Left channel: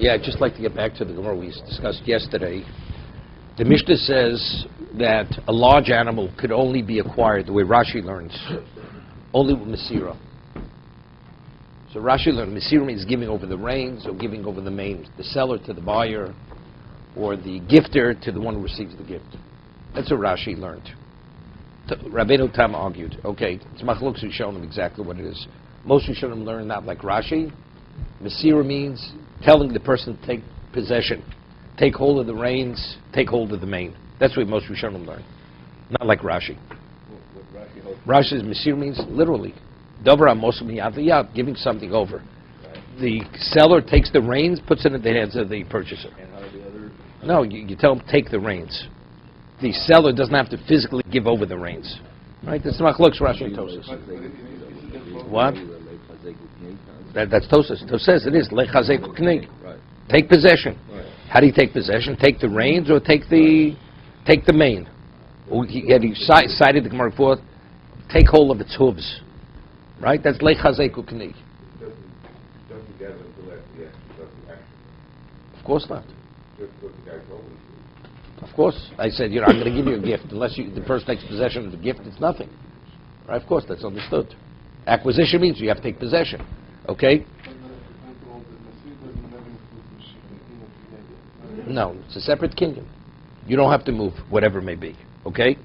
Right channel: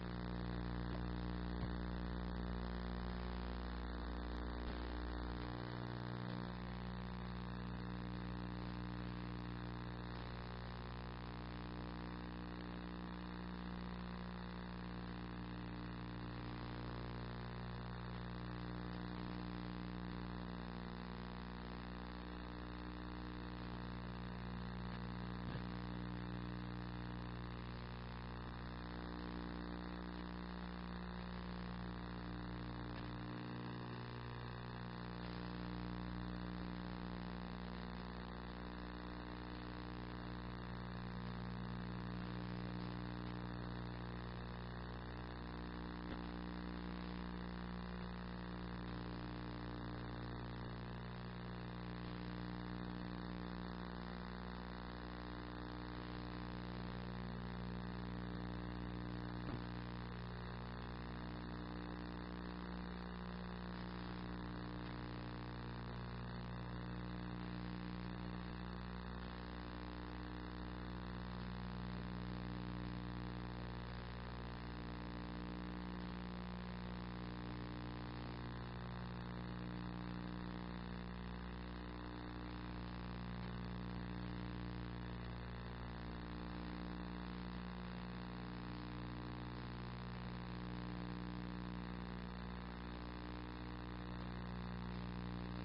Yeah, I'd just like to get back to the Gemara we discussed yesterday. The Mishnah says that a large animal could only be acquired, the way Rashi learns, only with Mesira. So Rashi learned Mesira means giving over the reins or giving over the mane, the seller to the buyer, or the gifter to the one who receives the gift. That's what Rashi learned. Rabbeinu Tam argued, okay, it's Machlokes who's shown him exactly what it is. Most Rishonim learn that like Rashi. Mesira means telling the person to take possession, take hold of the reins, take hold of the mane. That's what most Rishonim learn. Not like Rashi. Rashi says Mesira means literally, Davar HaMoseh Miyad Liyad, giving something over. The seller takes the reins, puts it in the hands of the purchaser. No, you tell him take the reins. The seller doesn't have to physically give over the reins. Right? That's Machlokes Rashi and Tosas. What? That's Tosas. Tosas says it is Lechazek Knig. Take possession. How do you take possession? Take the reins or take the mane? He cited the Gemara before. Take hold of its hooves. Right? That's Lechazek Knig. Of course not. Of course, I said, I'm going to give you a gift. Unless the person takes possession of the gift, it's nothing. Right? Of course, that's understood. Acquisition means you have to take possession. Okay? No, it's a separate kingdom. You don't have to move, whatever it may be. Okay?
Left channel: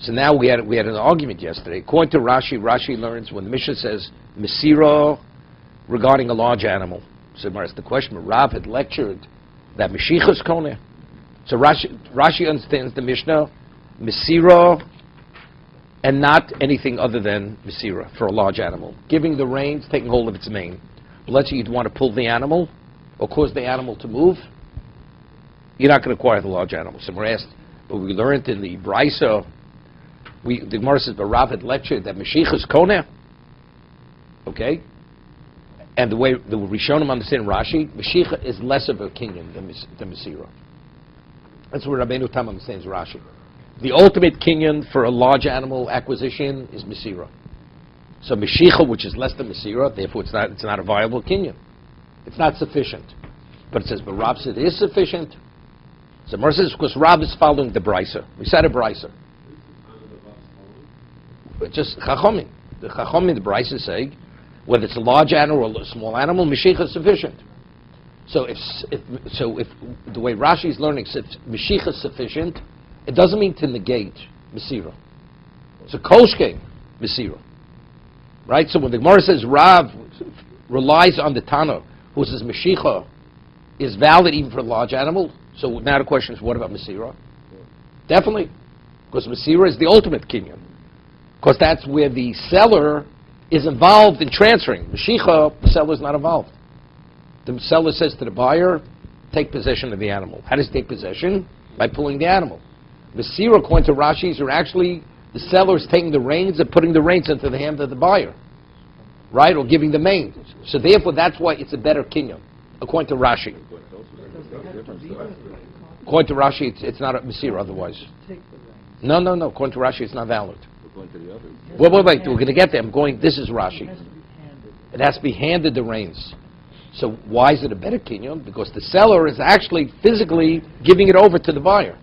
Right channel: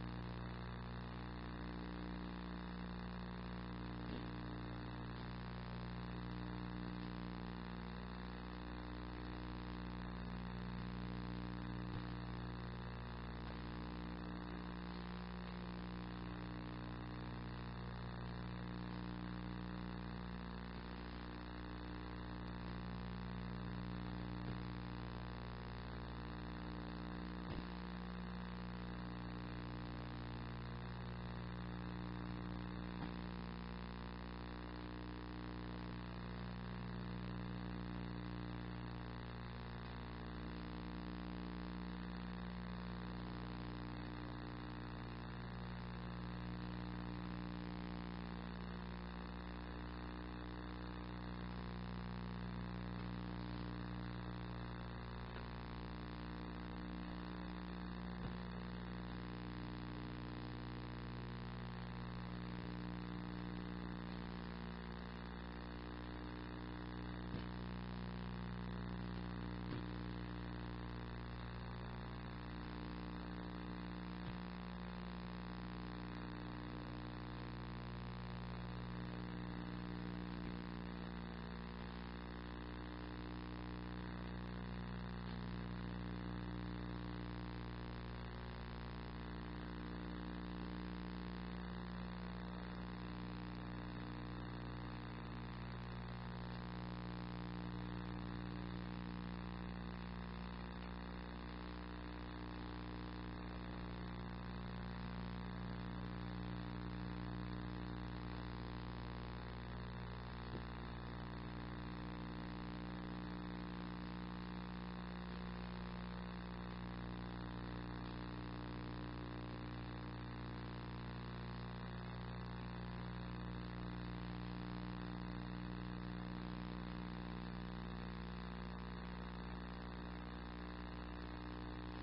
So now we had an argument yesterday. According to Rashi learns when the Mishnah says Mesira regarding a large animal. So that's the question. Rav had lectured that Meshichas Koneh. So Rashi understands the Mishnah, Mesira, and not anything other than Mesira for a large animal. Giving the reins, taking hold of its mane. But let's say you'd want to pull the animal or cause the animal to move, you're not going to acquire the large animal. So we're asked, but we learned in the Brisa, the Gemara says, but Rav had lectured that Meshichas Koneh, okay? And the way the Rishonim understand Rashi, Meshicha is less of a kingdom than Mesira. That's what Rabbeinu Tam understands Rashi. The ultimate kinyan for a large animal acquisition is Mesira. So Meshicha, which is less than Mesira, therefore it's not a viable kinyan. It's not sufficient. But it says, but Rav said it is sufficient. So Mer says, because Rav is following the Brisa. We said a Brisa. But just Chachomim. The Chachomim, the Brisa say, whether it's a large animal or a small animal, Meshicha is sufficient. So if the way Rashi is learning, if Meshicha is sufficient, it doesn't mean to negate Mesira. So Kolshke, Mesira. Right? So when the Gemara says Rav relies on the Tana, who says Meshicha is valid even for a large animal, so now the question is, what about Mesira? Definitely. Because Mesira is the ultimate kinyan. Because that's where the seller is involved in transferring. Meshicha, the seller is not involved. The seller says to the buyer, take possession of the animal. How does he take possession? By pulling the animal. Mesira, according to Rashi, are actually the seller is taking the reins and putting the reins into the hand of the buyer. Right? Or giving the mane. So therefore, that's why it's a better kinyan, according to Rashi. According to Rashi, it's not a Mesira otherwise. No. According to Rashi, it's not valid. Wait. We're going to get there. This is Rashi. It has to be handed the reins. So why is it a better kinyan? Because the seller is actually physically giving it over to the buyer,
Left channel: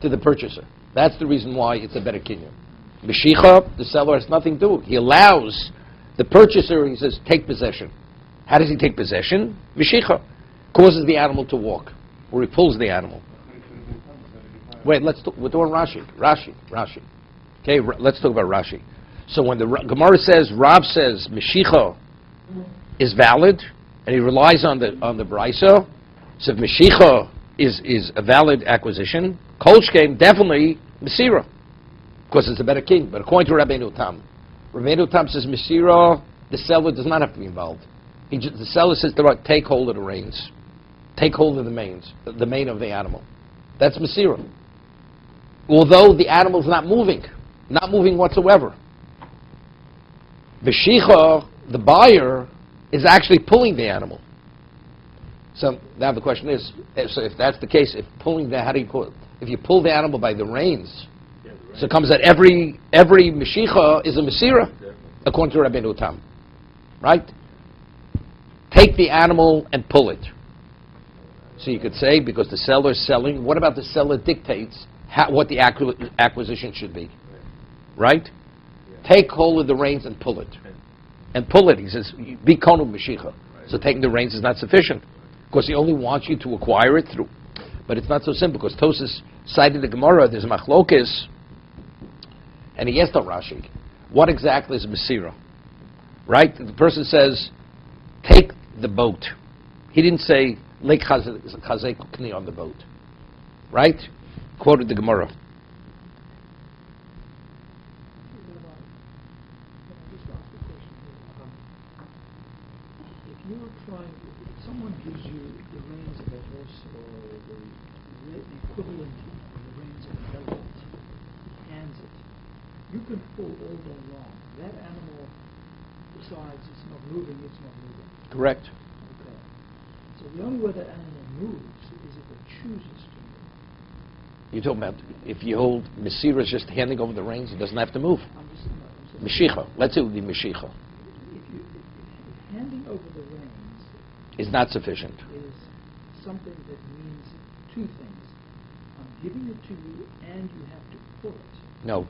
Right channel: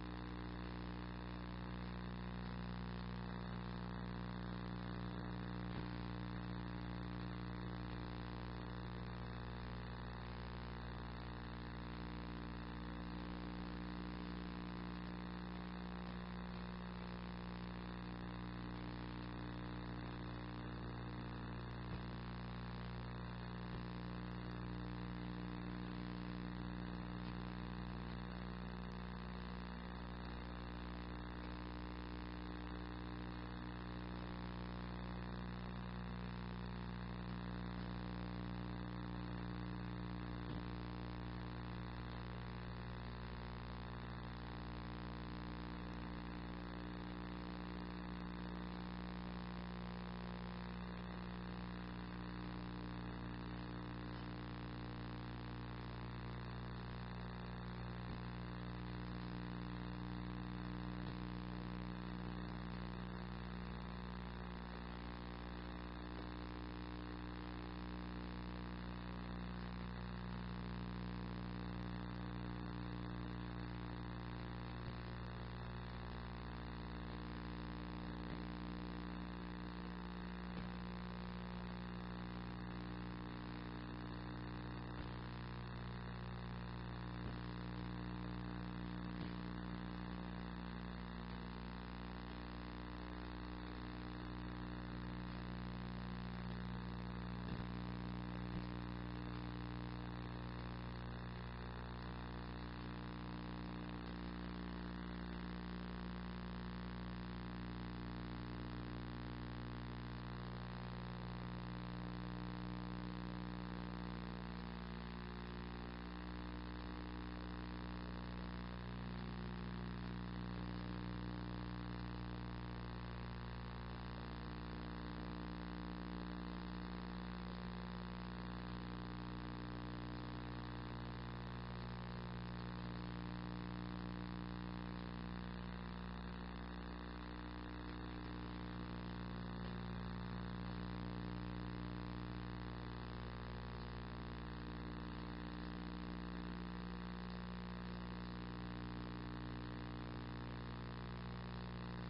to the purchaser. That's the reason why it's a better kinyan. Meshicha, the seller has nothing to do. He allows the purchaser, he says, take possession. How does he take possession? Meshicha. Causes the animal to walk, or he pulls the animal. Wait, we're doing Rashi. Okay, let's talk about Rashi. So when the Gemara says, Rav says, Meshicha is valid, and he relies on the Brisa, so if Meshicha is a valid acquisition, Kolshkeim definitely Mesira, because it's a better king. But according to Rabbeinu Tam says Mesira, the seller does not have to be involved. The seller says take hold of the reins, take hold of the mane of the animal. That's Mesira. Although the animal's not moving whatsoever. Meshicha, the buyer, is actually pulling the animal. So now the question is, so if that's the case, how do you pull it? If you pull the animal by the reins, so it comes that every Meshicha is a Mesira, according to Rabbeinu Tam. right? Take the animal and pull it. So you could say, because the seller is selling, what about the seller dictates what the acquisition should be, right? Take hold of the reins and pull it. And pull it, he says, be konu b'shicha. So taking the reins is not sufficient, because he only wants you to acquire it through. But it's not so simple, because Tosas cited the Gemara, there's machlokes, and he asked Rashi, what exactly is Mesira? Right? The person says, take the boat. He didn't say, Lake Chazek Kni on the boat. Right? Quoted the Gemara. Someone gives you the reins of a horse or the equivalent of the reins of a boat, hands it. You can pull all day long. That animal decides it's not moving, it's not moving. Correct. Okay. So the only way that animal moves is if it chooses to move. You're talking about if you hold Mesira is just handing over the reins, he doesn't have to move. Meshicha. Let's say it would be Meshicha. If handing over the reins Is not sufficient. is something that means two things. I'm giving it to you and you have to pull it. No.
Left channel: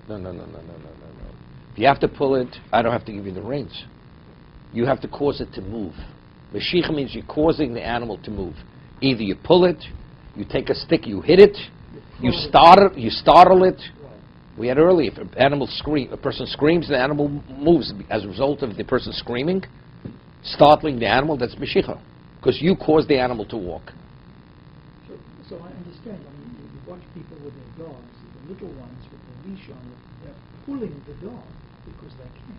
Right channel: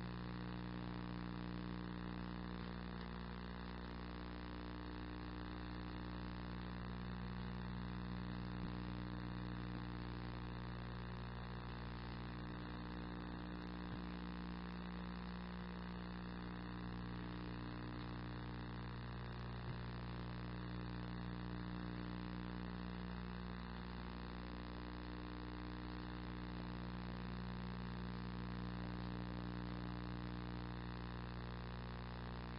If you have to pull it, I don't have to give you the reins. You have to cause it to move. Meshicha means you're causing the animal to move. Either you pull it, you take a stick, you hit it, you startle it. We had earlier, if a person screams, the animal moves as a result of the person screaming, startling the animal. That's Meshicha, because you caused the animal to walk. So I understand. I mean, you watch people with their dogs, the little ones with the leash on, they're pulling the dog because they can.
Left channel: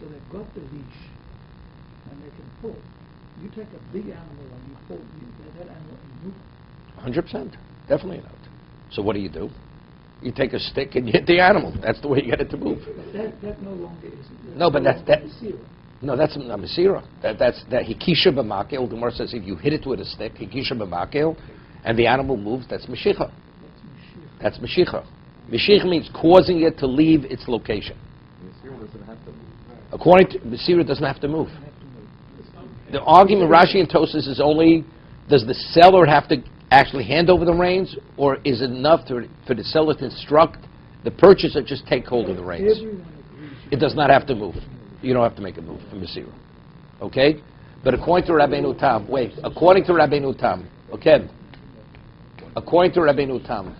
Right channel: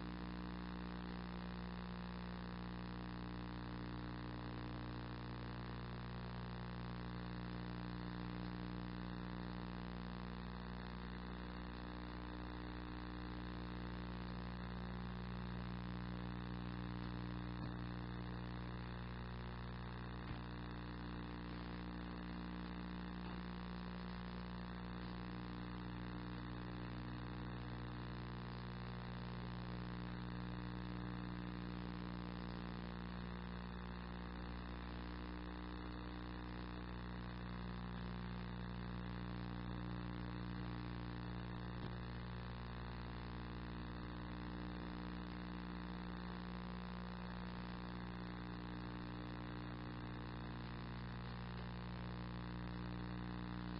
So they've got the leash and they can pull. You take a big animal and you pull, that animal can move. 100%, definitely not. So what do? You take a stick and you hit the animal. That's the way you get it to move. That no longer is. No, but that's Mesira. No, that's not Mesira. That's Hikisha b'makel. The Gemara says if you hit it with a stick, Hikisha b'makel, and the animal moves, that's Meshicha. That's Meshicha. Meshicha means causing it to leave its location. According to Mesira, doesn't have to move. The argument Rashi and Tosas is only, does the seller have to actually hand over the reins, or is it enough for the seller to instruct the purchaser just take hold of the reins? It does not have to move. You don't have to make it move from Mesira. Okay? But according to Rabbeinu Tam, according to Rabbeinu Tam,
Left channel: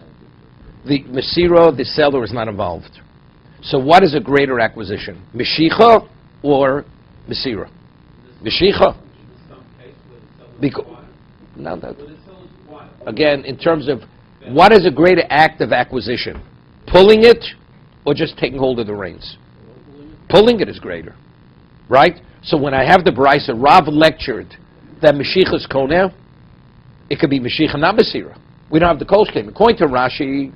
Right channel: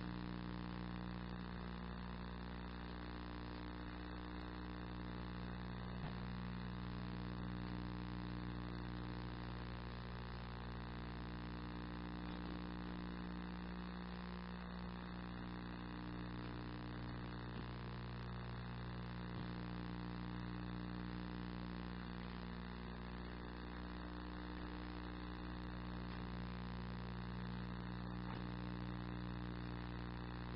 the Mesira, the seller is not involved. So what is a greater acquisition? Meshicha or Mesira? Meshicha. Again, in terms of what is a greater act of acquisition? Pulling it or just taking hold of the reins? Pulling it is greater, right? So when I have the Brisa, Rav lectured that Meshicha is Koneh, it could be Meshicha, not Mesira. We don't have the Kol Shkem. According to Rashi,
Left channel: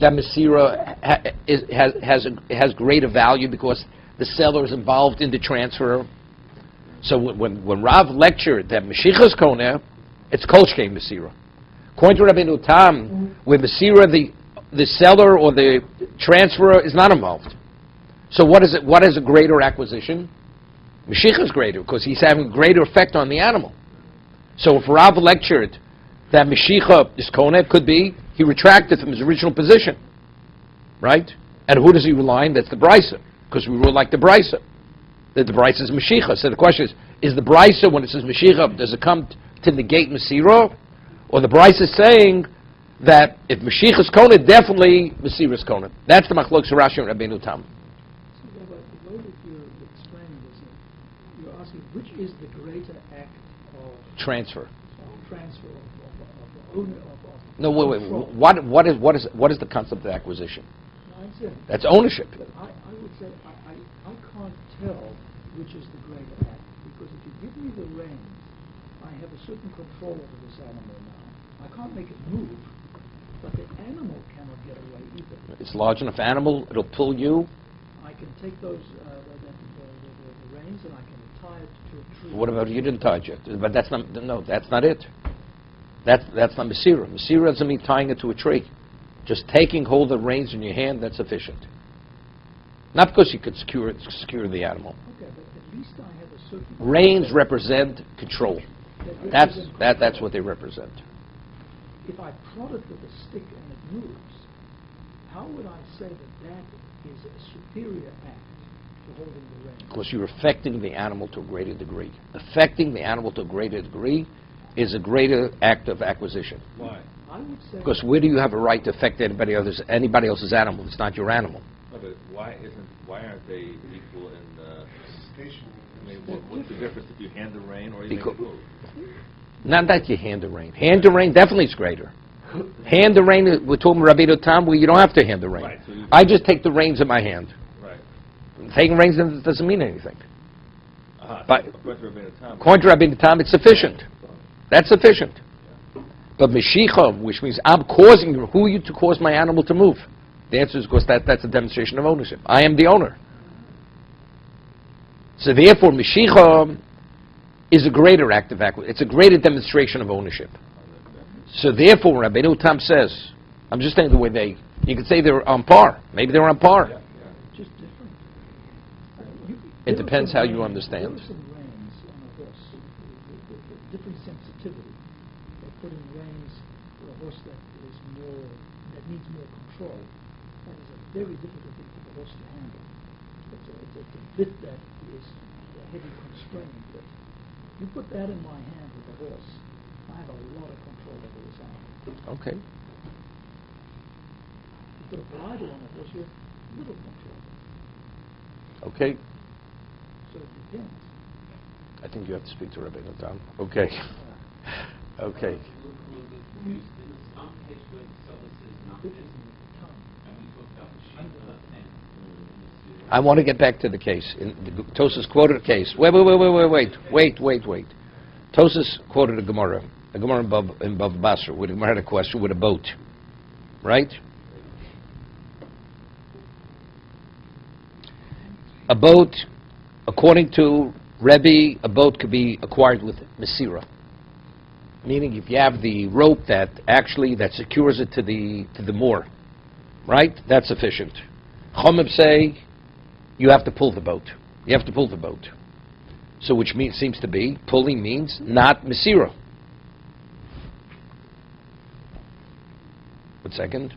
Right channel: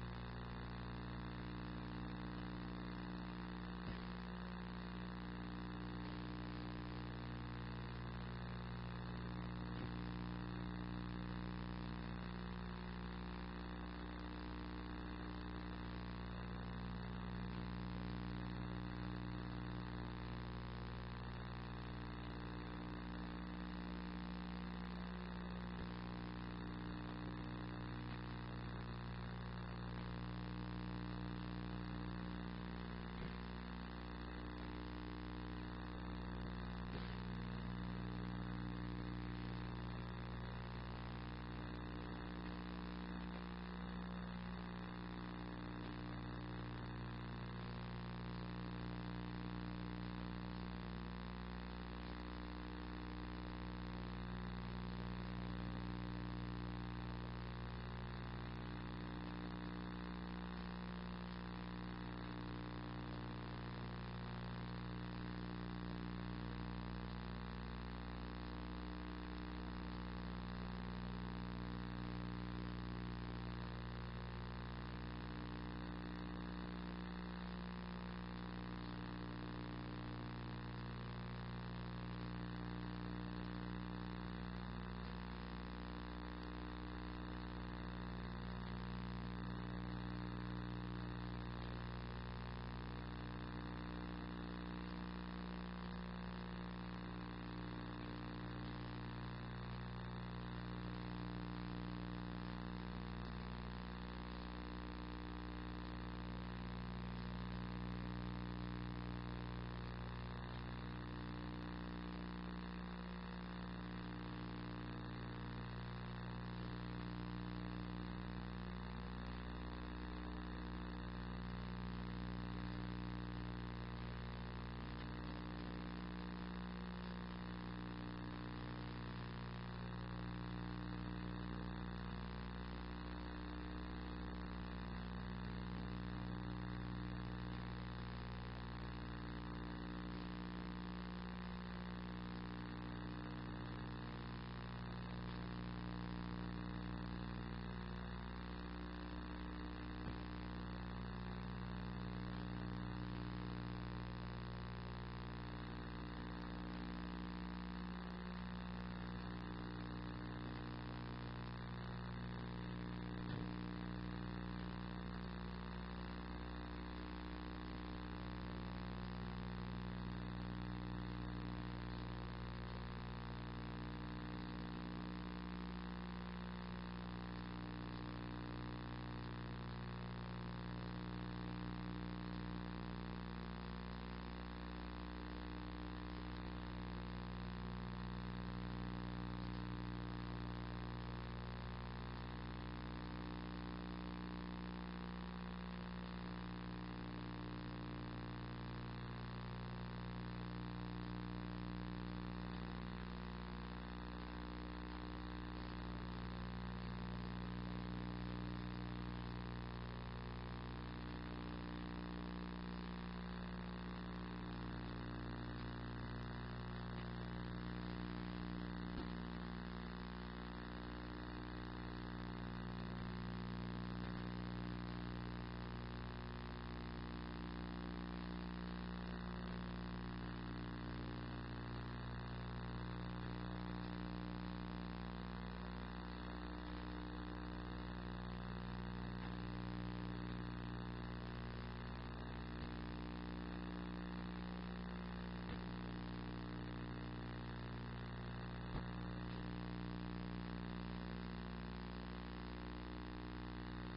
that Mesira has greater value because the seller is involved in the transfer. So when Rav lectured that Meshicha is Koneh, it's Kol Shkem Mesira. According to Rabbeinu Tam, with Mesira, the seller or the transferor is not involved. So what is it? What is a greater acquisition? Meshicha is greater because he's having a greater effect on the animal. So if Rav lectured that Meshicha is Koneh, could be he retracted from his original position, right? And who does he rely on? That's the Brisa, because we rule like the Brisa, that the Brisa is Meshicha. So the question is the Brisa, when it says Meshicha, does it come to negate Mesira? Or the Brisa is saying that if Meshicha is Koneh, definitely Mesira is Koneh. That's the Machlokes Rashi and Rabbeinu Tam. The way that you're explaining this, you're asking which is the greater act of Transfer. transfer of the owner of No, wait. What is the concept of acquisition? I understand. That's ownership. But I would say I can't tell which is the greater act, because if you give me the reins, I have a certain control over this animal now. I can't make it move, but the animal cannot get away either. It's large enough animal, it'll pull you. I can take those the reins and I can tie it to a tree. What about you didn't tie it yet? But that's not it. That's not Mesira. Mesira doesn't mean tying it to a tree. Just taking hold of the reins in your hand, that's sufficient. Not because you could secure the animal. Okay, but certain Reins represent control. that That's what they represent. If I prod it with a stick and it moves, how would I say that is a superior act to holding the reins? Because you're affecting the animal to a greater degree. Affecting the animal to a greater degree is a greater act of acquisition. Why? I would say Because where do you have a right to affect anybody else's animal? It's not your animal. No, but why aren't they equal in the station? I mean, what's the difference if you hand the rein or you make Because- it move? Not that you hand the rein. Hand the rein definitely is greater. Hand the rein, we're talking Rabbi Tam, where you don't have to hand the rein. Right, so you- I just take the reins in my hand. Right. Taking reins doesn't mean anything. But- Time. According to Rabbi Tam, it's sufficient. That's sufficient. But Meshicha, which means I'm causing, who are you to cause my animal to move? The answer is because that's a demonstration of ownership. I am the owner. So therefore, Meshicha is a greater act of acquisition. It's a greater demonstration of ownership. So therefore, Rabbi Tam says, I'm just saying the way you could say they're on par. Maybe they're on par. just different. It depends how you understand. There are some reins on a horse with different sensitivity. Like putting reins for a horse that needs more control. That is a very difficult thing for the horse to handle. It's a bit that is heavy constrained. But you put that in my hand with a horse, I have a lot of control over this animal. Okay. You put a bridle on a horse with little control. Okay. So it depends. I think you have to speak to Rabbi Tam. Okay. Okay. I want to get back to the case. Tosas quoted a case. Wait. Tosas quoted a Gemara in Bava Basra, where the Gemara had a question with a boat, right? A boat, according to Rebbe, a boat could be acquired with Mesira. Meaning if you have the rope that secures it to the moor, right? That's sufficient. Chomim say you have to pull the boat. You have to pull the boat. So which seems to be, pulling means not Mesira. One second.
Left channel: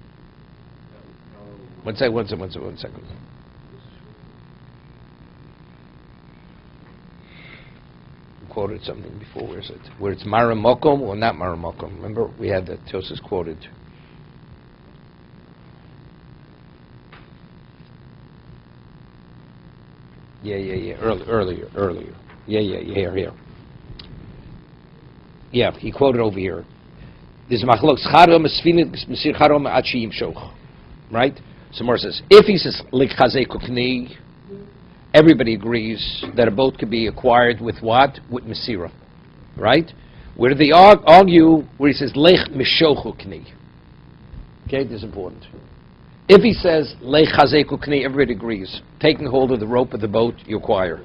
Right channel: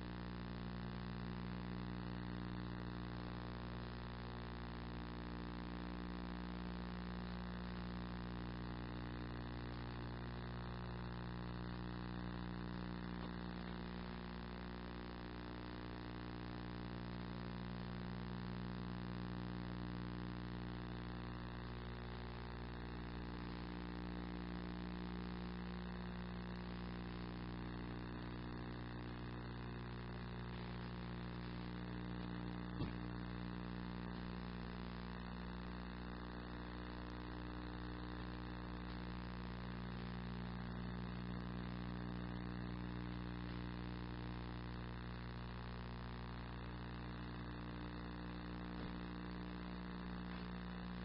One second. Quoted something before. Where is it? Where it's Mara Mokom or not Mara Mokom? Remember, we had that Tosas quoted. Yeah. Earlier. Here. Yeah, he quoted over here. There's machlok scharom esfinit mesir charom ad sheim shoch. Right? So Mor says, if he says lik chazei kukni, everybody agrees that a boat could be acquired with what? With Mesira. Right? Where do they argue? Where he says, Lech Mishochu Kni. Okay, this is important. If he says, Lech Chazeku Kni, everybody agrees. Taking hold of the rope of the boat, you acquire.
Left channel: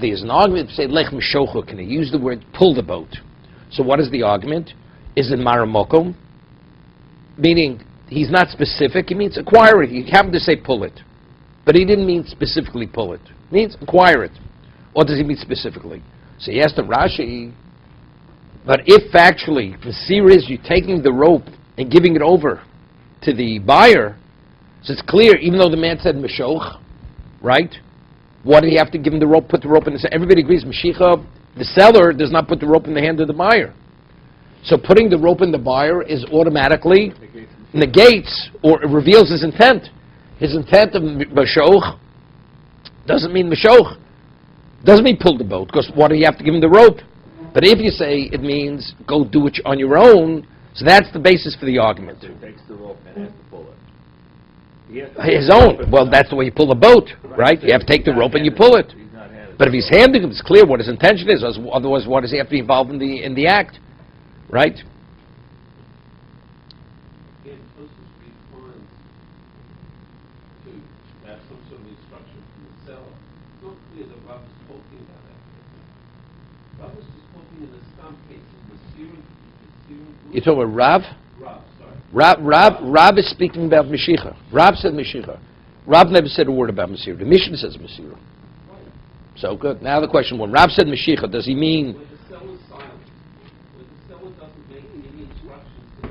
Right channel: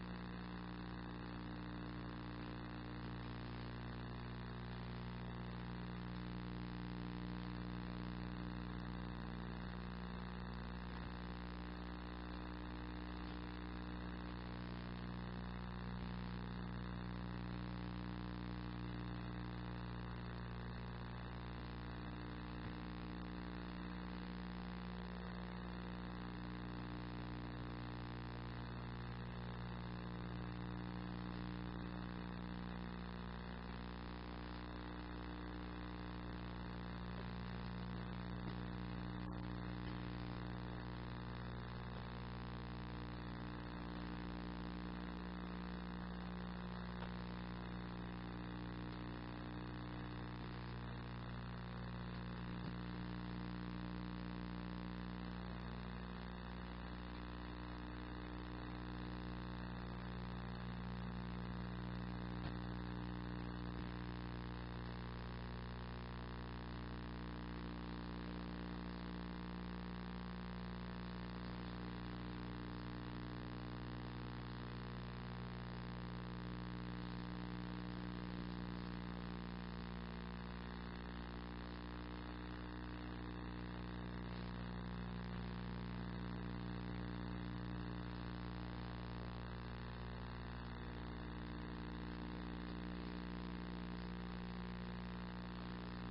There's an argument to say, Lech Mishochu Kni. Use the word, pull the boat. So what is the argument? Is it Maramokom? Meaning, he's not specific. He means acquire it. He happened to say pull it. But he didn't mean specifically pull it. He means acquire it. Or does he mean specifically? So he asked the Rashi, but if factually the seer is you taking the rope and giving it over to the buyer, so it's clear, even though the man said Meshoch, right? Why did he have to give him the rope, put the rope in his hand? Everybody agrees, Meshicha, the seller does not put the rope in the hand of the buyer. So putting the rope in the buyer is automatically negates or reveals his intent. His intent of Meshoch doesn't mean Meshoch. Doesn't mean pull the boat, because why do you have to give him the rope? But if you say it means go do it on your own, so that's the basis for the argument. So he takes the rope and has to pull it. His own. Well, that's the way you pull a boat, right? You have to take the rope and you pull it. He's not handed But if he's handing him, it's clear what his intention is. Otherwise, why does he have to be involved in the act, right? You talking about Rav? Rav is speaking about Meshicha. Rav said Meshicha. Rav never said a word about Mesira. The Mishnah says Mesira. So good. Now the question: when Rab said Mashiach, does he mean?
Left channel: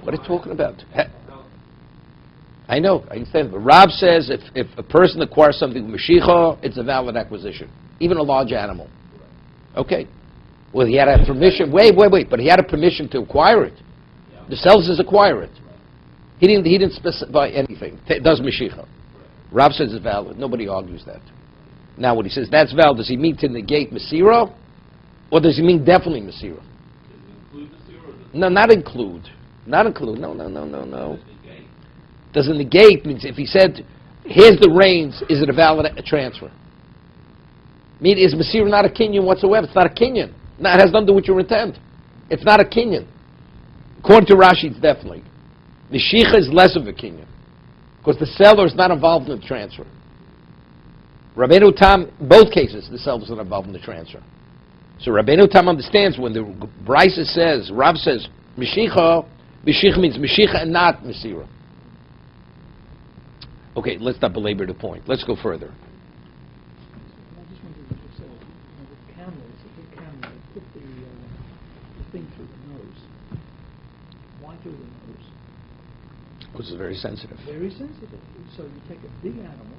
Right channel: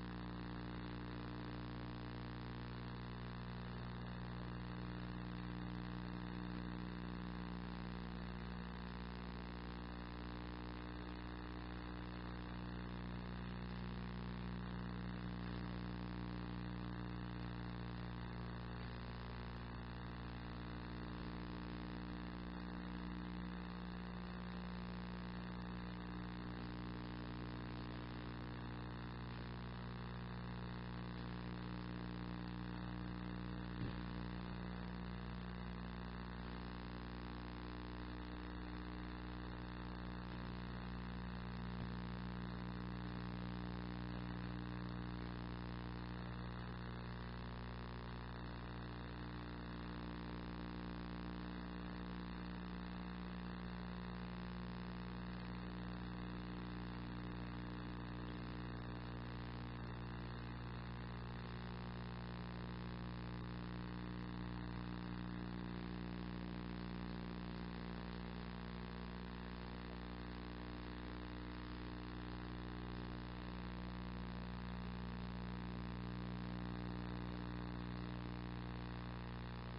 What are you talking about? I know, I understand. But Rab says if a person acquires something with Mashiach, it's a valid acquisition, even a large animal. Okay. Well, he had a permission. Wait. But he had a permission to acquire it. The sells is acquire it. He didn't specify anything. Does Mashiach? Rab says it's valid. Nobody argues that. Now, when he says that's valid, does he mean to negate Masira, or does he mean definitely Masira? No, not include. Not include. No. Doesn't negate means if he said, "Here's the reins," is it a valid transfer? I mean, is Masira not a kinyan whatsoever? It's not a kinyan. No, it has nothing to do with your intent. It's not a kinyan. According to Rashi, it's definitely. The Mashiach is less of a kinyan because the seller is not involved in the transfer. Rabbeinu Tam, both cases, the seller is not involved in the transfer. So Rabbeinu Tam understands when the Brisa says, Rav says, Mashiach means Mashiach and not Masira. Okay, let's not belabor the point. Let's go further. Which is very sensitive. Very sensitive. So you take a big animal,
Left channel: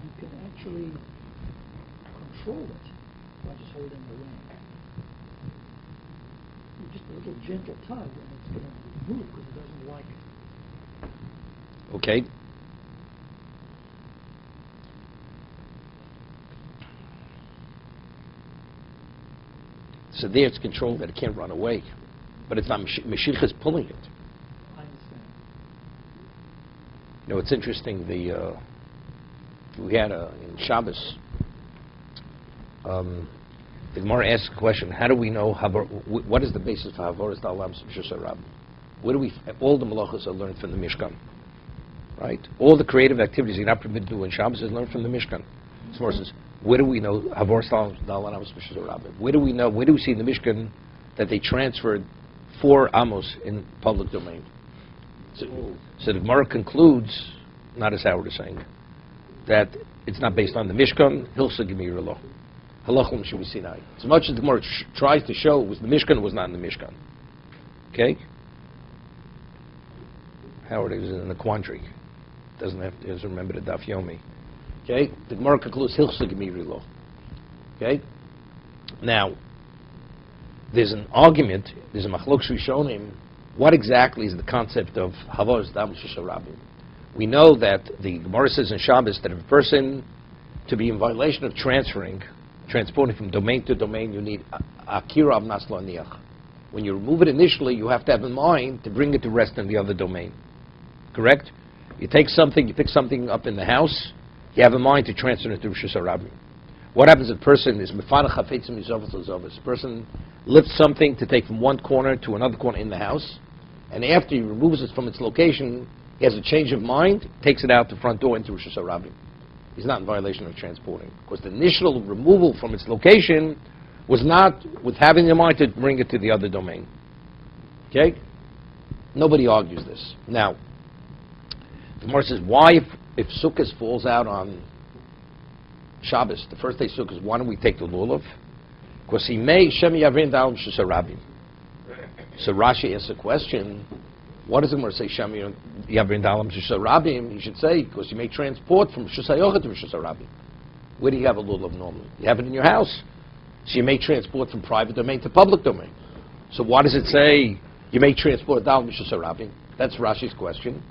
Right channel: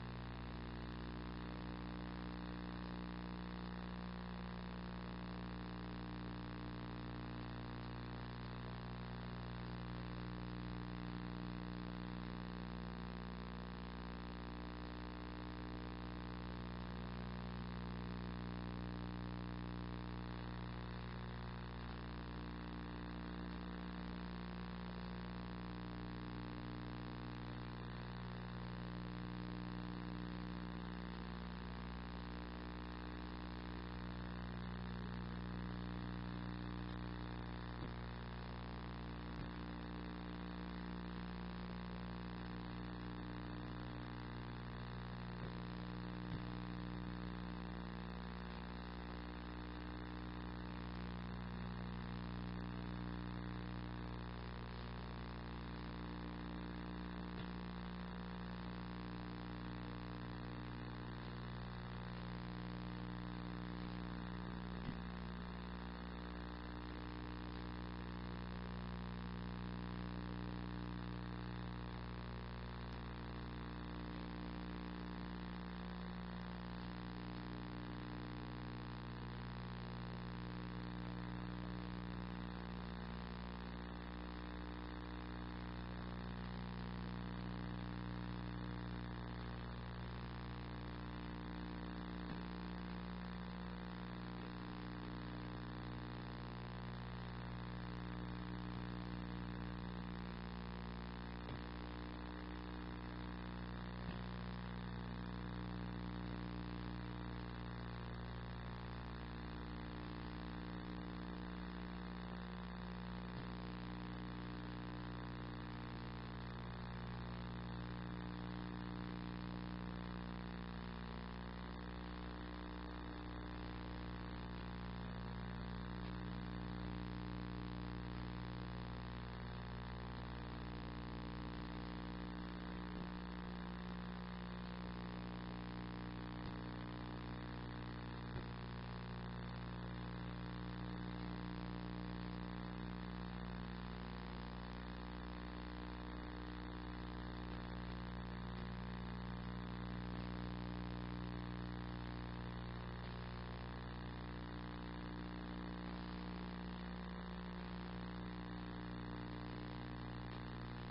you can actually control it by just holding the ring. You just a little gentle tug and it's going to move because it doesn't like it. Okay. So there it's controlled that it can't run away. But it's not Mashiach is pulling it. You know, it's interesting, we had in Shabbos, the Gemara asked a question, how do we know, what is the basis for Havoras Da'alam Shusha Rabbi? Where do all the malachas are learned from the Mishkan, right? All the creative activities you're not permitted to do in Shabbos is learned from the Mishkan. As far as, where do we know Havoras Da'alam Shusha Rabbi? Where do we see in the Mishkan that they transferred 4 amos in public domain? So the Gemara concludes, not as Howard is saying, that it's not based on the Mishkan, Hilsa Gemir Allah. Halachim Shu Sinai. As much as the Gemara tries to show it was the Mishkan, it was not in the Mishkan. Okay? Howard is in a quandary. Doesn't remember the Daf Yomi. Okay? The Gemara concludes Hilsa Gemir Allah. Okay? Now, there's an argument, there's a machlok Rishonim. What exactly is the concept of Havoras Da'alam Shusha Rabbi? We know that the Gemara says in Shabbos that if a person, to be in violation of transporting from domain to domain, you need Akira of Nasla Niach. When you remove it initially, you have to have in mind to bring it to rest in the other domain. Correct? You pick something up in the house, you have in mind to transfer it to Rosh Hashanah. What happens if a person is Mefana Chafetzim Yizovas L'Zovas? A person lifts something to take from one corner to another corner in the house, and after he removes it from its location, he has a change of mind, takes it out the front door into Rosh Hashanah. He's not in violation of transporting. Because the initial removal from its location was not with having in mind to bring it to the other domain. Okay? Nobody argues this. Now, the Gemara says, why if Sukkot falls out on Shabbos, the first day Sukkot, why don't we take the lulav? Because he may Shem Yavrin Da'alam Shusha Rabbi. So Rashi asks a question, what does the Gemara say Shem Yavrin Da'alam Shusha Rabbi? You should say, because you may transport from Shusha Yochad to Shusha Rabbi. Where do you have a lulav normally? You have it in your house. So you may transport from private domain to public domain. So why does it say you may transport Da'alam Shusha Rabbi? That's Rashi's question.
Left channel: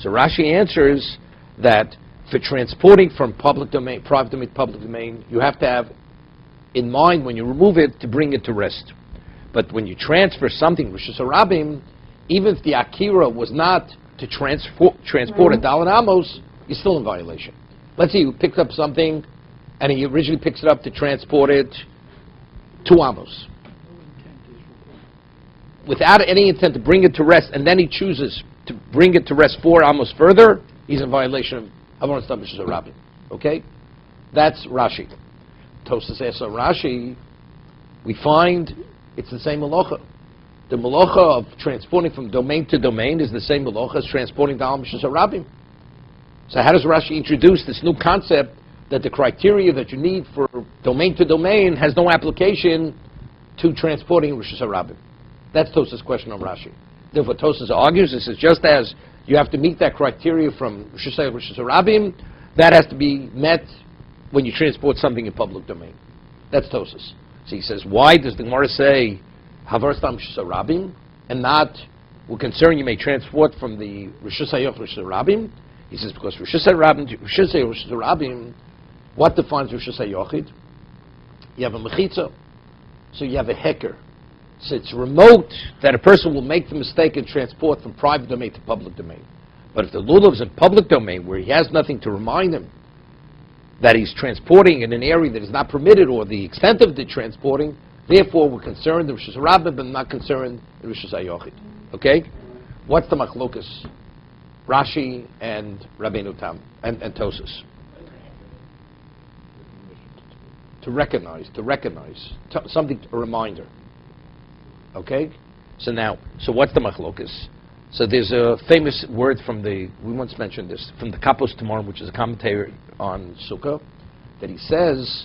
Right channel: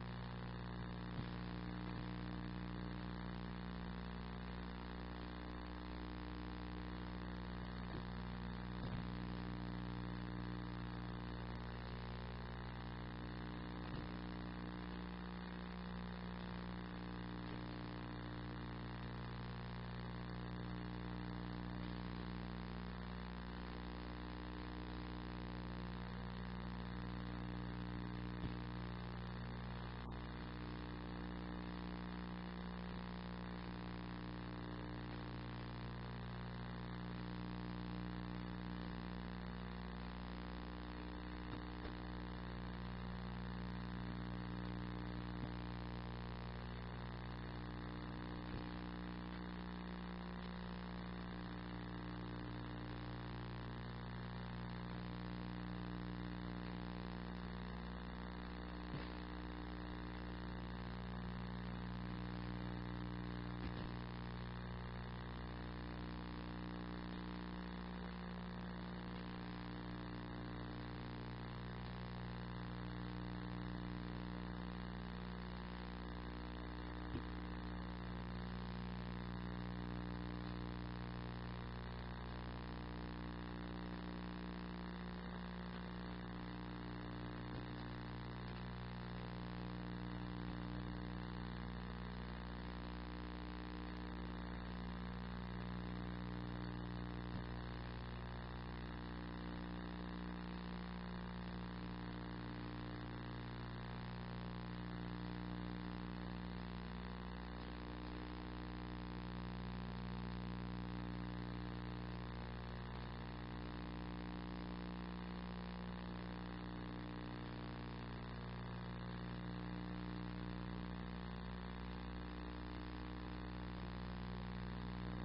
So Rashi answers that for transporting from private domain to public domain, you have to have in mind when you remove it to bring it to rest. But when you transfer something, Rosh Hashanah, even if the Akira was not to transport a Dalan Amos, you're still in violation. Let's say you picked up something and he originally picks it up to transport it 2 Amos. Without any intent to bring it to rest, and then he chooses to bring it to rest 4 Amos further, he's in violation of Havoras Da'alam Shusha Rabbi. Okay? That's Rashi. Tosas asks on Rashi, we find it's the same malacha. The malacha of transporting from domain to domain is the same malacha as transporting Da'alam Shusha Rabbi. So how does Rashi introduce this new concept that the criteria that you need for domain to domain has no application to transporting Rishus HaRabim. That's Tosas' question on Rashi. Therefore, Tosas argues, this is just as you have to meet that criteria from Rishus HaRabim, that has to be met when you transport something in public domain. That's Tosas. So he says, why does the Gemara say Havar Stam Rishus HaRabim and not, we're concerned you may transport from the Rishus HaRabim? He says, because Rishus HaRabim, what defines Rishus HaYochid? You have a mechitza, so you have a heker. So it's remote that a person will make the mistake and transport from private domain to public domain. But if the lulav is in public domain where he has nothing to remind him that he's transporting in an area that is not permitted or the extent of the transporting, therefore we're concerned in Rishus HaRabim but not concerned in Rishus HaYochid. Okay? What's the machlokas? Rashi and Rabbeinu Tam and Tosas. To recognize, something, a reminder. Okay? So what's the machlokas? So there's a famous word from we once mentioned this, from the Kapos Tamarim, which is a commentary on Sukkah, that he says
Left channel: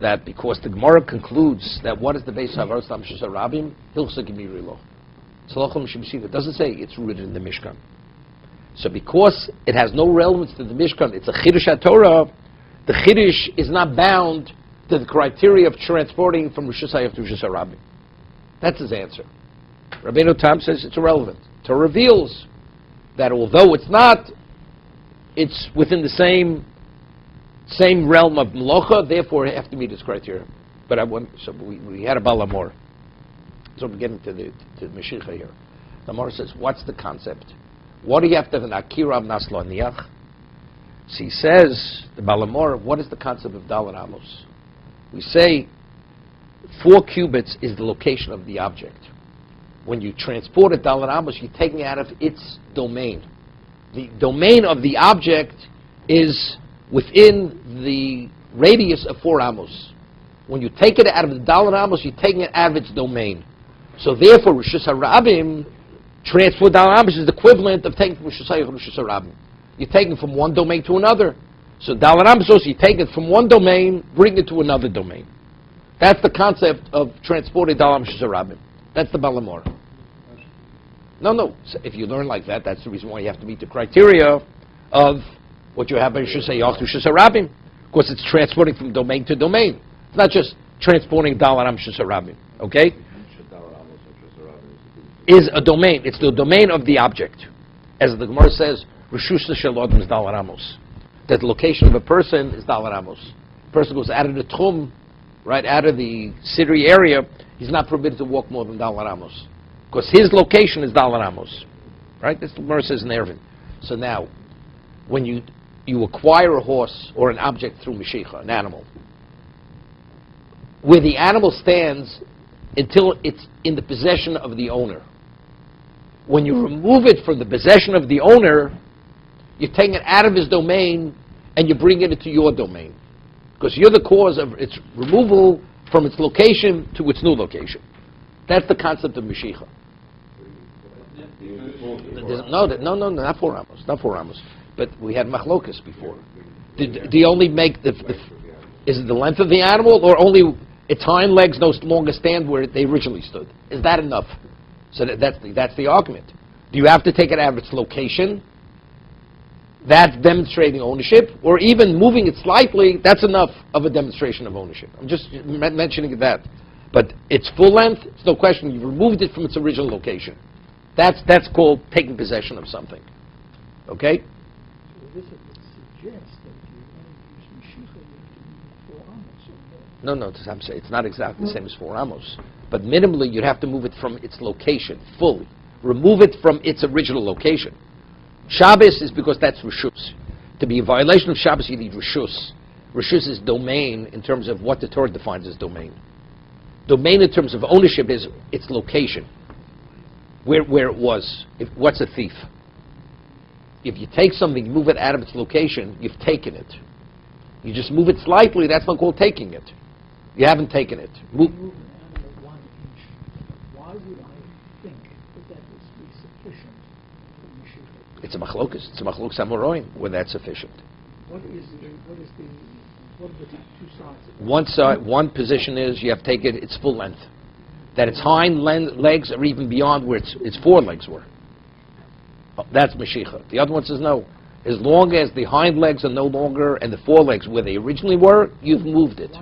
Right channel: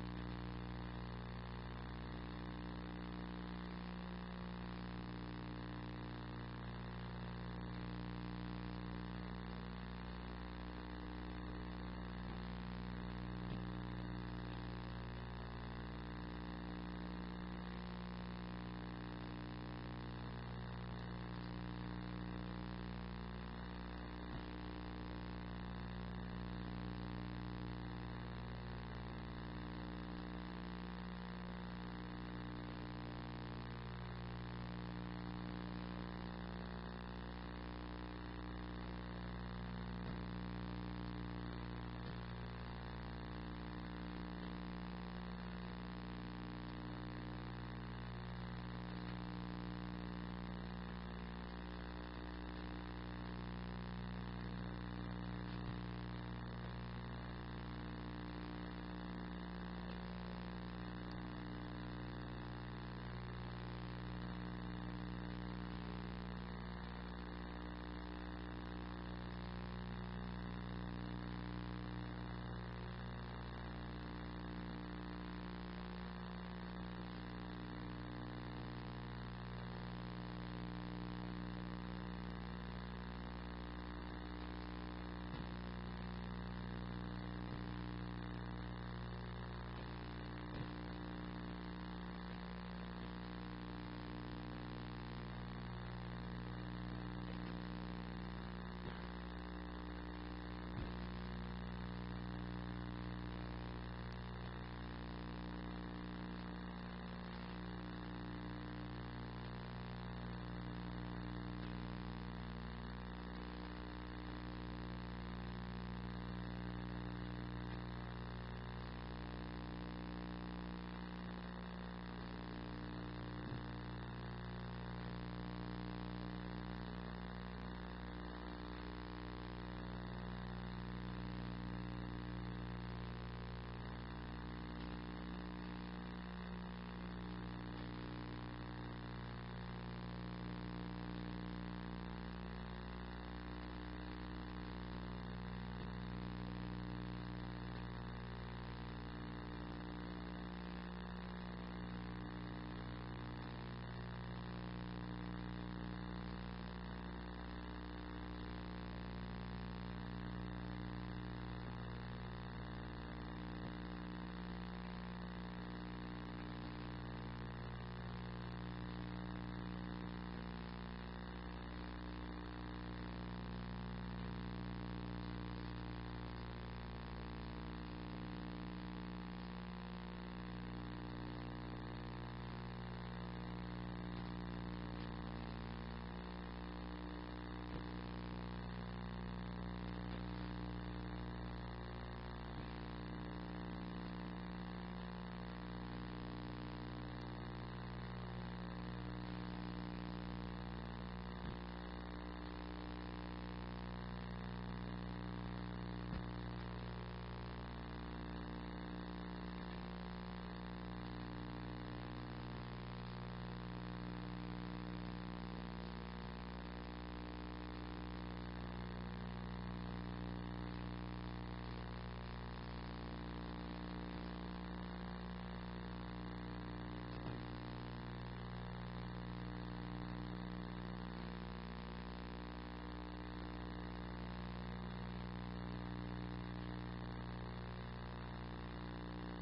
that because the Gemara concludes that what is the base of Havar Stam Rishus HaRabim, Hilchsa Gemiri Lo. It doesn't say it's rooted in the Mishkan. So because it has no relevance to the Mishkan, it's a Chiddush HaTorah, the Chiddush is not bound to the criteria of transporting from Rishus HaYochid to Rishus HaRabim. That's his answer. Rabbeinu Tam says it's irrelevant. Torah reveals that although it's not, it's within the same realm of Melocha, therefore it have to meet its criteria. But we had a Balamor. So we're getting to the Mashiach here. The Gemara says, what's the concept? What do you have to have an Akira of Nasla Niach? So he says, the Balamor, what is the concept of Dalet Amos? We say 4 cubits is the location of the object. When you transport a Dalet Amos, you're taking it out of its domain. The domain of the object is within the radius of 4 Amos. When you take it out of the Dalet Amos, you're taking it out of its domain. So therefore, Rishus HaRabim, transport Dalet Amos is the equivalent of taking from Rishus HaRabim. You're taking from one domain to another. So Dalet Amos also, you take it from one domain, bring it to another domain. That's the concept of transporting Dalet Amos Rishus HaRabim. That's the Balamor. No. So if you learn like that, that's the reason why you have to meet the criteria of what you have in Rishus HaRabim, because it's transporting from domain to domain. It's not just transporting Dalet Amos Rishus HaRabim. Okay? Is a domain. It's the domain of the object. As the Gemara says, Rishus Shalodim is Dalet Amos. That the location of a person is Dalet Amos. A person goes out of the Tchum, right, out of the city area, he's not permitted to walk more than Dalet Amos. Because his location is Dalet Amos. Right? That's what the Gemara says in Eruvin. So now, when you acquire a horse or an object through Mashiach, an animal, where the animal stands until it's in the possession of the owner. When you remove it from the possession of the owner, you're taking it out of his domain and you bring it into your domain. Because you're the cause of its removal from its location to its new location. That's the concept of Mashiach. No, not 4 Amos. Not 4 Amos. But we had machlokas before. Do you only make is it the length of the animal, or only its hind legs no longer stand where they originally stood? Is that enough? So that's the argument. Do you have to take it out of its location? That's demonstrating ownership, or even moving it slightly, that's enough of a demonstration of ownership. I'm just mentioning that. But its full length, it's no question, you've removed it from its original location. That's called taking possession of something. Okay? This suggests that No, I'm saying it's not exactly the same as 4 Amos. But minimally, you'd have to move it from its location, fully. Remove it from its original location. Shabbos is because that's Rishus. To be a violation of Shabbos, you need Rishus. Rishus is domain in terms of what the Torah defines as domain. Domain in terms of ownership is its location. Where it was. What's a thief? If you take something, move it out of its location, you've taken it. You just move it slightly, that's not called taking it. You haven't taken it. why would I think that is sufficient for Mashiach? It's a machlokas. It's a machlokas amoraim when that's sufficient. What is the What are the two sides? One side, one position is you have to take it its full length, that its hind legs are even beyond where its forelegs were. Oh, that's Mashiach. The other one says no. As long as the hind legs are no longer and the forelegs where they originally were, you've moved it.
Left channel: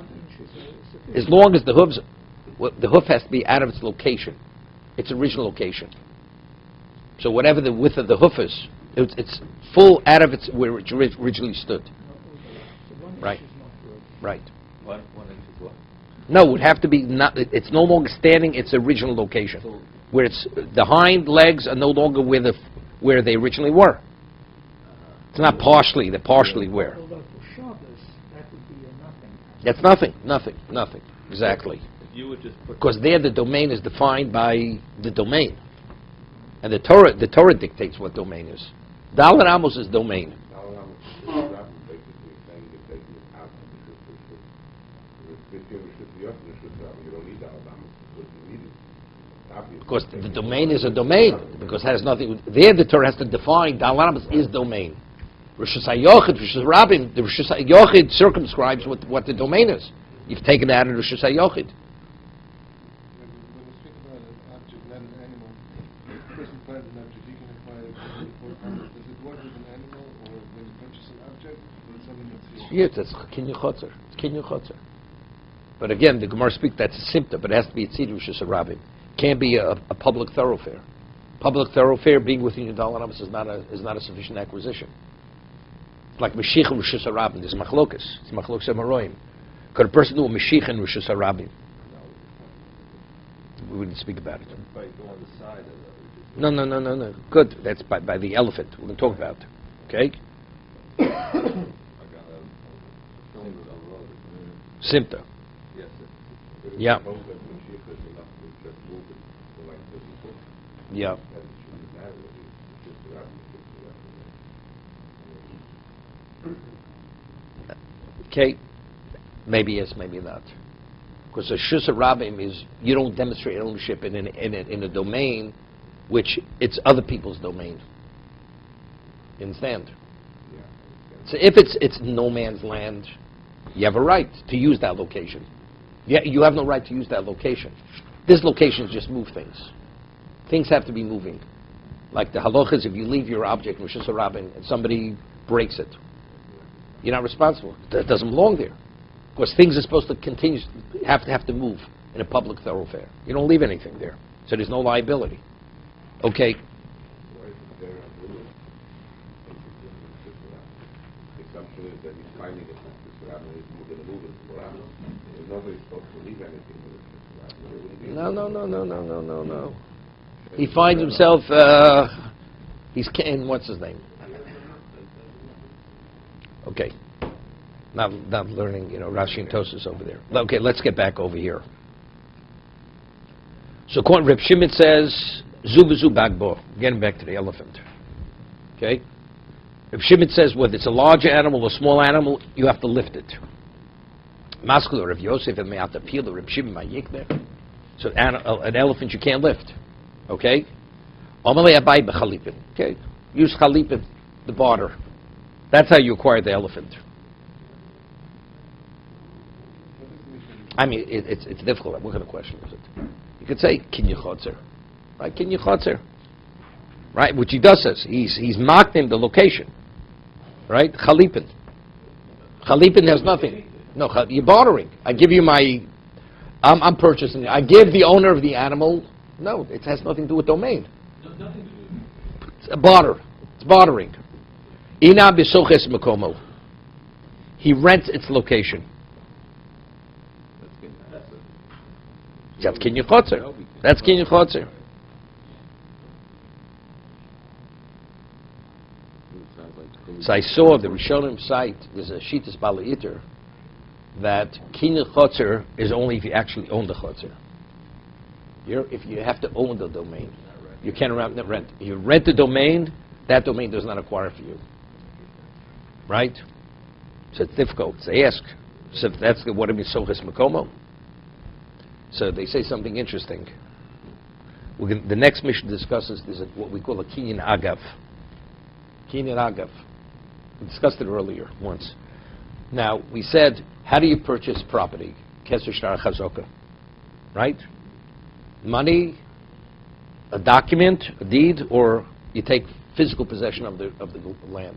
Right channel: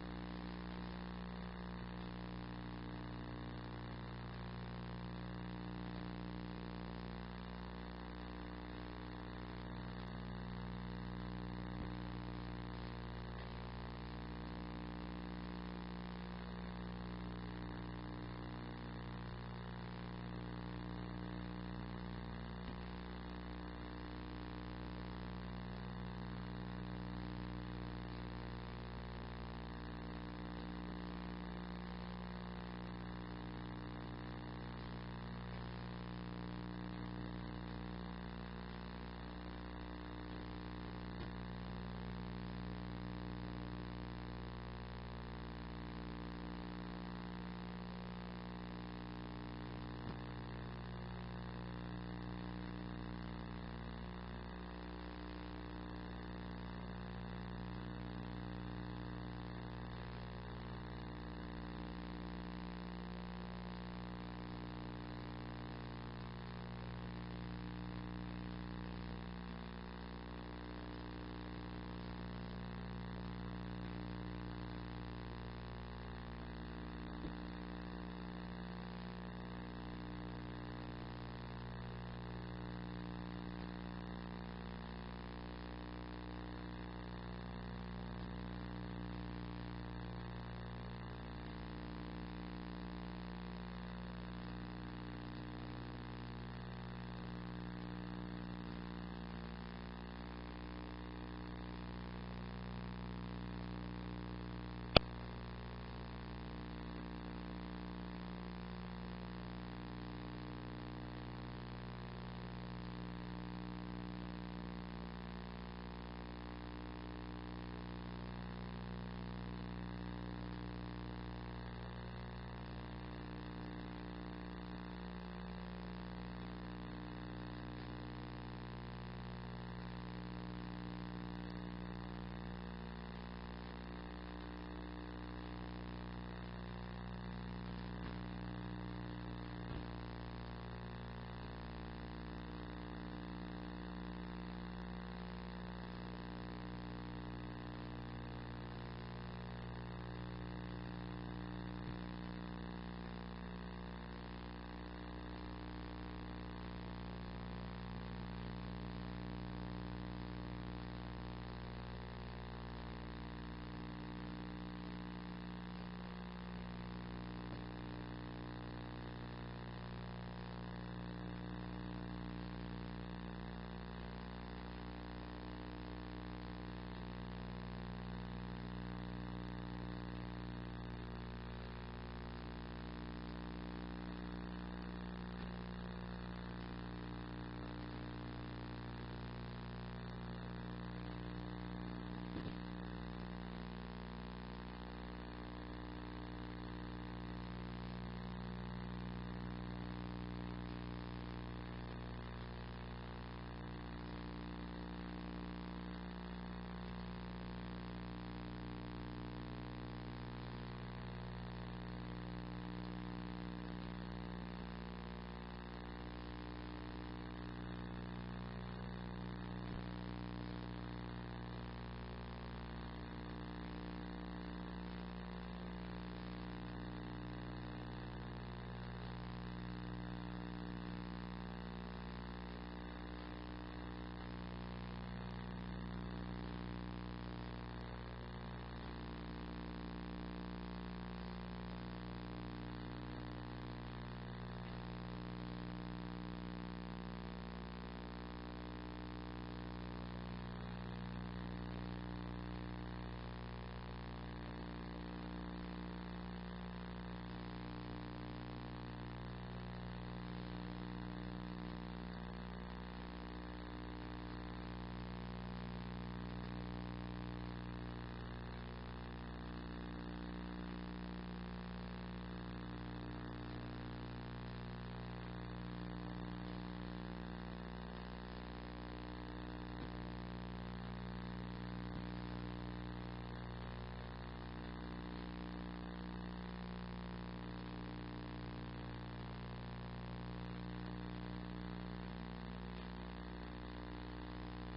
As long as the hoof has to be out of its location, its original location. So whatever the width of the hoof is, it's full out of its where it originally stood. Right. Right. One inch is what? No, it would have to be not. It's no longer standing its original location, where it's the hind legs are no longer where they originally were. It's not partially. They're partially where. Although for Shabbos, that would be a nothing. That's nothing. Exactly. You would just put Because there the domain is defined by the domain, and the Torah dictates what domain is. Dalet Amos is domain. Because the domain is a domain, because it has nothing. There the Torah has to define Dalet Amos is domain. Rishus HaYochid, Rishus Rabbim, the Rishus HaYochid circumscribes what the domain is. You've taken it out of Rishus HaYochid. Yes, that's kinyan chotzer. It's kinyan chotzer. But again, the Gemara speaks that's a symptom, but it has to be a tzid Rishus Rabbim. Can't be a public thoroughfare. Public thoroughfare being within your Dalet Amos is not a sufficient acquisition. Like Mashiach and Rishus Rabbim, there's machlokas. It's machlokas amaroim. Could a person do a Mashiach and Rishus Rabbim? We wouldn't speak about it. No. Good. That's by the elephant. We're going to talk about it. Okay? Simta. Yeah. Yeah. Okay. Maybe yes, maybe not. Because a Rishus Rabbim is you don't demonstrate ownership in a domain which it's other people's domain. You understand? So if it's no man's land, you have a right to use that location. You have no right to use that location. This location just move things. Things have to be moving. Like the halacha is if you leave your object in Rishus Rabbim and somebody breaks it, you're not responsible. That doesn't belong there. Because things are supposed to continue, have to move in a public thoroughfare. You don't leave anything there. So there's no liability. Okay. No. He finds himself, in what's his name? Okay. Now I'm learning, Rashi and Tosas over there. Okay, let's get back over here. So Reb Shimon says, Zubazu Bagbo. Getting back to the elephant. Okay? Reb Shimon says, whether it's a large animal or small animal, you have to lift it. Masculine, Reb Yosef, and Me'at Apil, Reb Shimon, Ma'yikneh. So an elephant you can't lift. Okay? Amalei Abai B'chalipin. Okay? Use chalipin, the barter. That's how you acquire the elephant. I mean, it's difficult. What kind of question is it? You could say, kinyan chotzer. Right? Kinyan chotzer. Right? Which he does says. He's marked in the location. Right? Chalipin. Chalipin has nothing. No, you're bartering. I give you I'm purchasing it. I give the owner of the animal. No, it has nothing to do with domain. It's a barter. It's bartering. Ina b'soches mekomo. He rents its location. That's kinyan chotzer. That's kinyan chotzer. So I saw the Rishonim site. There's a Shitas Bala'iter that kinyan chotzer is only if you actually own the chotzer. If you have to own the domain, you can't rent. You rent the domain, that domain does not acquire for you. Right? So it's difficult. So they ask, so if that's what it means, soches mekomo. So they say something interesting. The next mission discusses is what we call a kinyan agav. Kinyan agav. We discussed it earlier once. Now, we said, how do you purchase property? Keser shtar chazoka, right? Money, a document, a deed, or you take physical possession of the land.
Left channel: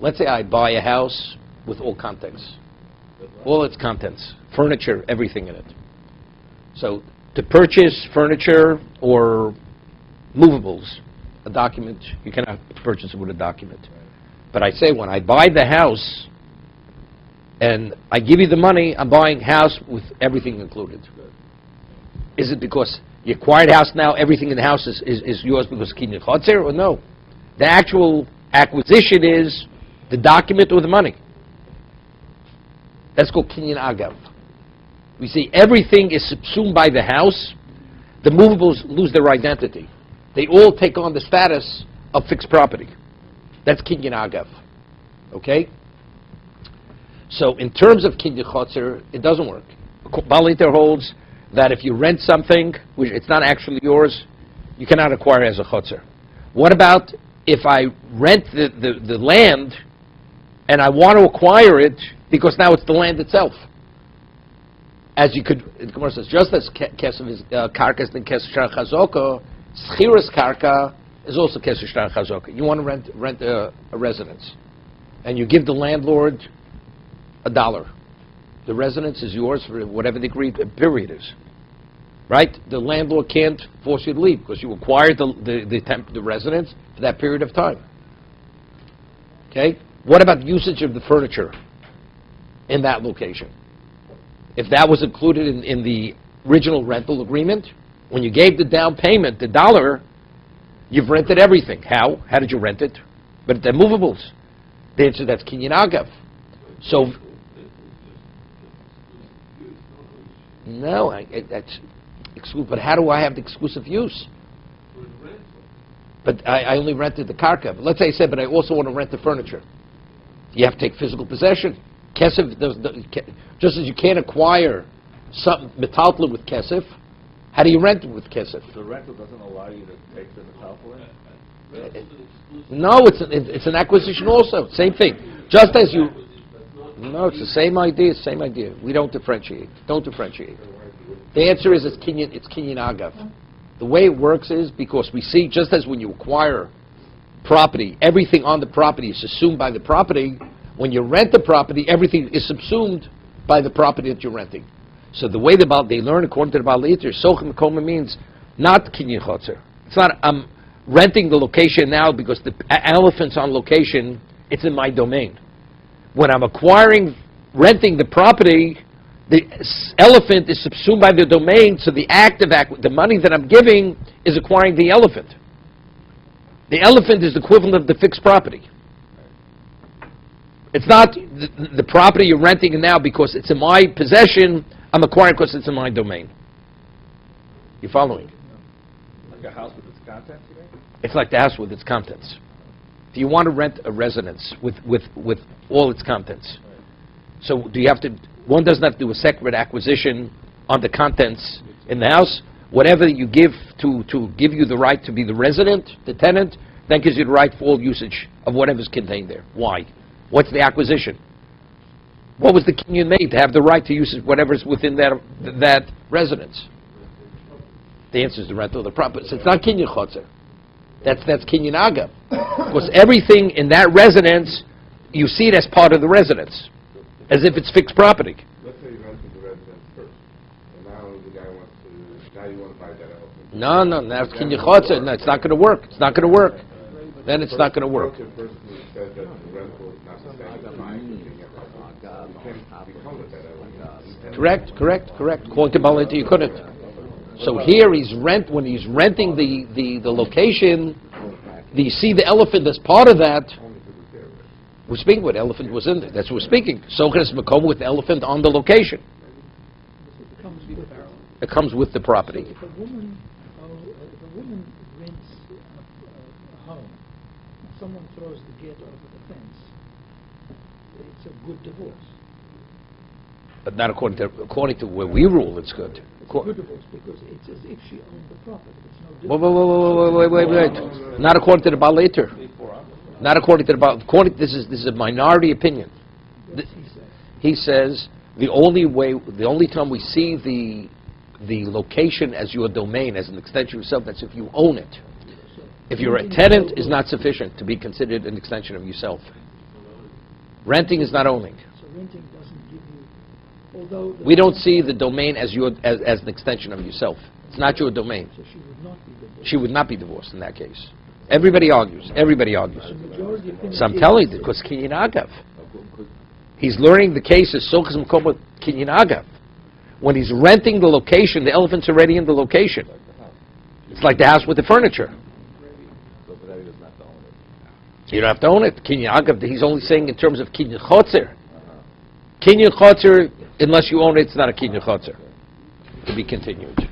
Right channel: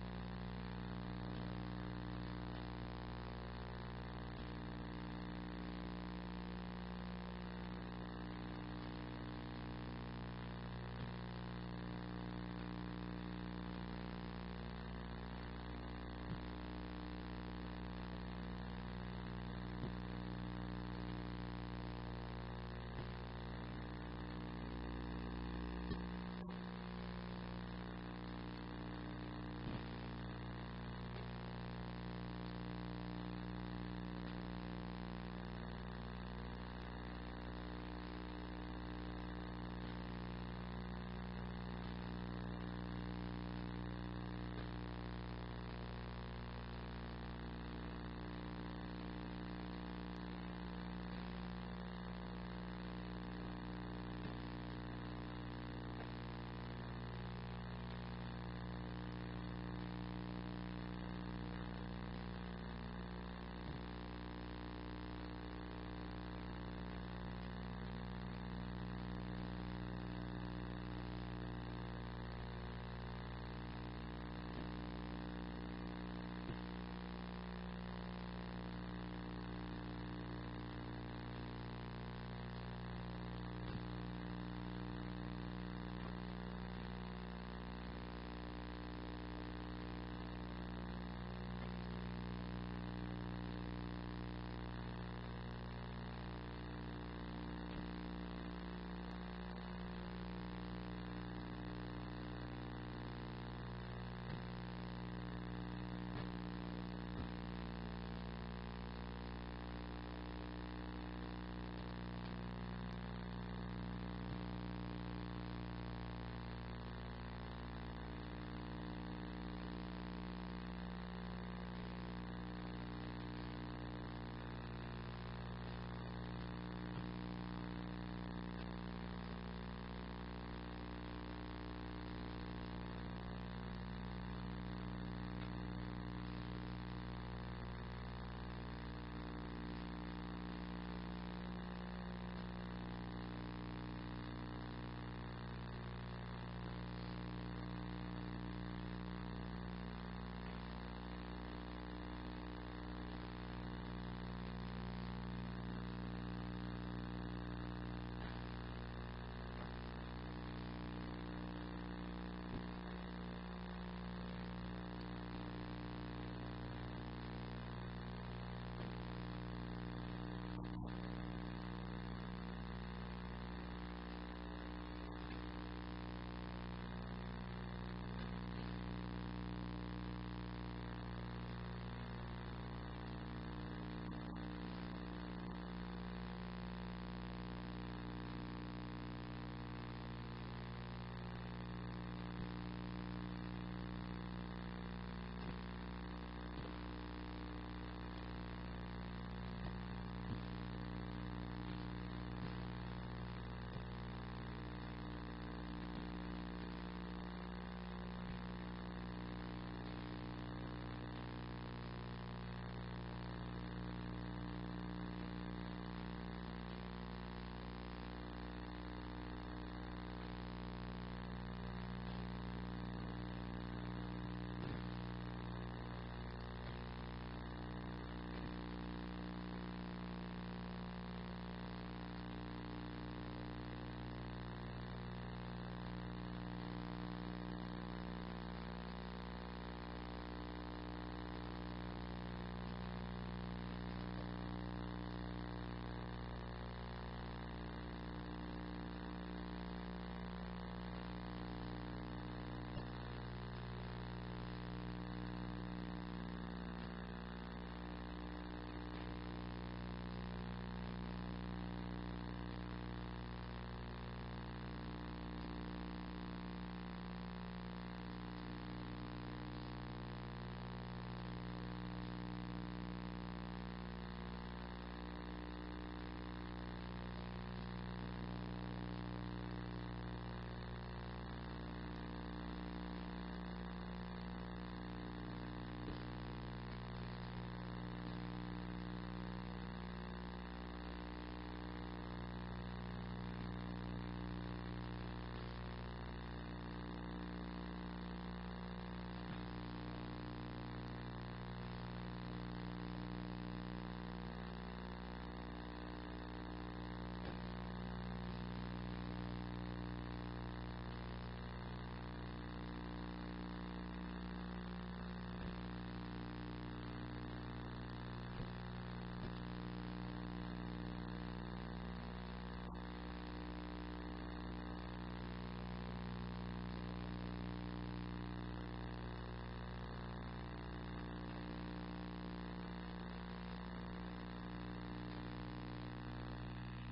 Let's say I buy a house with all contents, all its contents, furniture, everything in it. So to purchase furniture or movables, a document, you cannot purchase it with a document. But I say when I buy the house and I give you the money, I'm buying house with everything included. Is it because you acquired house now, everything in the house is yours because kinyan chotzer, or no? The actual acquisition is the document or the money. That's called kinyan agav. We see everything is subsumed by the house. The movables lose their identity. They all take on the status of fixed property. That's kinyan agav. Okay? So in terms of kinyan chotzer, it doesn't work. Baliter holds that if you rent something, which it's not actually yours, you cannot acquire it as a chotzer. What about if I rent the land and I want to acquire it because now it's the land itself? As you could, the Gemara says, just as kesef is karka is the kesef shtar chazoko, schiras karka is also kesef shtar chazoko. You want to rent a residence, and you give the landlord $1. The residence is yours for whatever the agreed period is, right? The landlord can't force you to leave because you acquired the residence for that period of time. Okay. What about usage of the furniture in that location? If that was included in the original rental agreement, when you gave the down payment, the $1, you've rented everything. How? How did you rent it? But they're movables. The answer, that's kinyan agav. So, no, that's exclusive. But how do I have the exclusive use? But I only rented the karka. But let's say I said, but I also want to rent the furniture. You have to take physical possession. Kesef, just as you can't acquire something metaltal with kesef, how do you rent it with kesef? The rental doesn't allow you to take the metaltal in? No, it's an acquisition also. Same thing. Just as you... No, it's the same idea, same idea. We don't differentiate. Don't differentiate. The answer is it's kinyan agav. The way it works is because we see, just as when you acquire property, everything on the property is assumed by the property. When you rent the property, everything is subsumed by the property that you're renting. So the way they learn, according to the Baal Eater, Sochem Koma means not kinyan chotzer. It's not I'm renting the location now because the elephant's on location, it's in my domain. When I'm renting the property, the elephant is subsumed by the domain, so the act of the money that I'm giving is acquiring the elephant. The elephant is the equivalent of the fixed property. It's not the property you're renting now because it's in my possession, I'm acquiring because it's in my domain. You following? Like a house with its contents? It's like the house with its contents. If you want to rent a residence with all its contents, so do you have to, one doesn't have to do a separate acquisition on the contents in the house. Whatever you give to give you the right to be the resident, the tenant, then gives you the right for all usage of whatever's contained there. Why? What's the acquisition? What was the kinyan made to have the right to use whatever's within that residence? The answer is the rental of the property. So it's not kinyan chotzer. That's kinyan agav. Because everything in that residence, you see it as part of the residence, as if it's fixed property. Let's say you rented the residence first, and now the guy now you want to buy that No, elephant. that's kinyan chotzer. No, it's not going to work. It's not going to work. Then it's not going to work. The person who said that the rental is not the same as buying something else. You can't become with that elephant. Correct. According to Balita, you couldn't. So here when he's renting the location, you see the elephant as part of that. We're speaking what elephant was in there. That's what we're speaking. Sochas Makom with the elephant on the location. It comes with the property. If a woman rents a home, and someone throws the gate over the fence, it's a good divorce. But not according to where we rule, it's good. Good divorce because it's as if she owned the property. It's no different. Wait. Not according to the Baal Eater. Not according to the Baal. This is a minority opinion. He says the only time we see the location as your domain, as an extension of yourself, that's if you own it. If you're a tenant, is not sufficient to be considered an extension of yourself. Renting is not owning. So renting doesn't give you, although... We don't see the domain as an extension of yourself. It's not your domain. So she would not be divorced. She would not be divorced in that case. Everybody argues. Everybody argues. The majority opinion So I'm is- telling you, because kinyan agav. He's learning the cases, sochas mkomot kinyan agav. When he's renting the location, the elephant's already in the location. It's like the house with the furniture. So but that doesn't have to own it. You don't have to own it. Kinyan agav, he's only saying in terms of kinyan chotzer. Kinyan chotzer, unless you own it, it's not a kinyan chotzer. To be continued.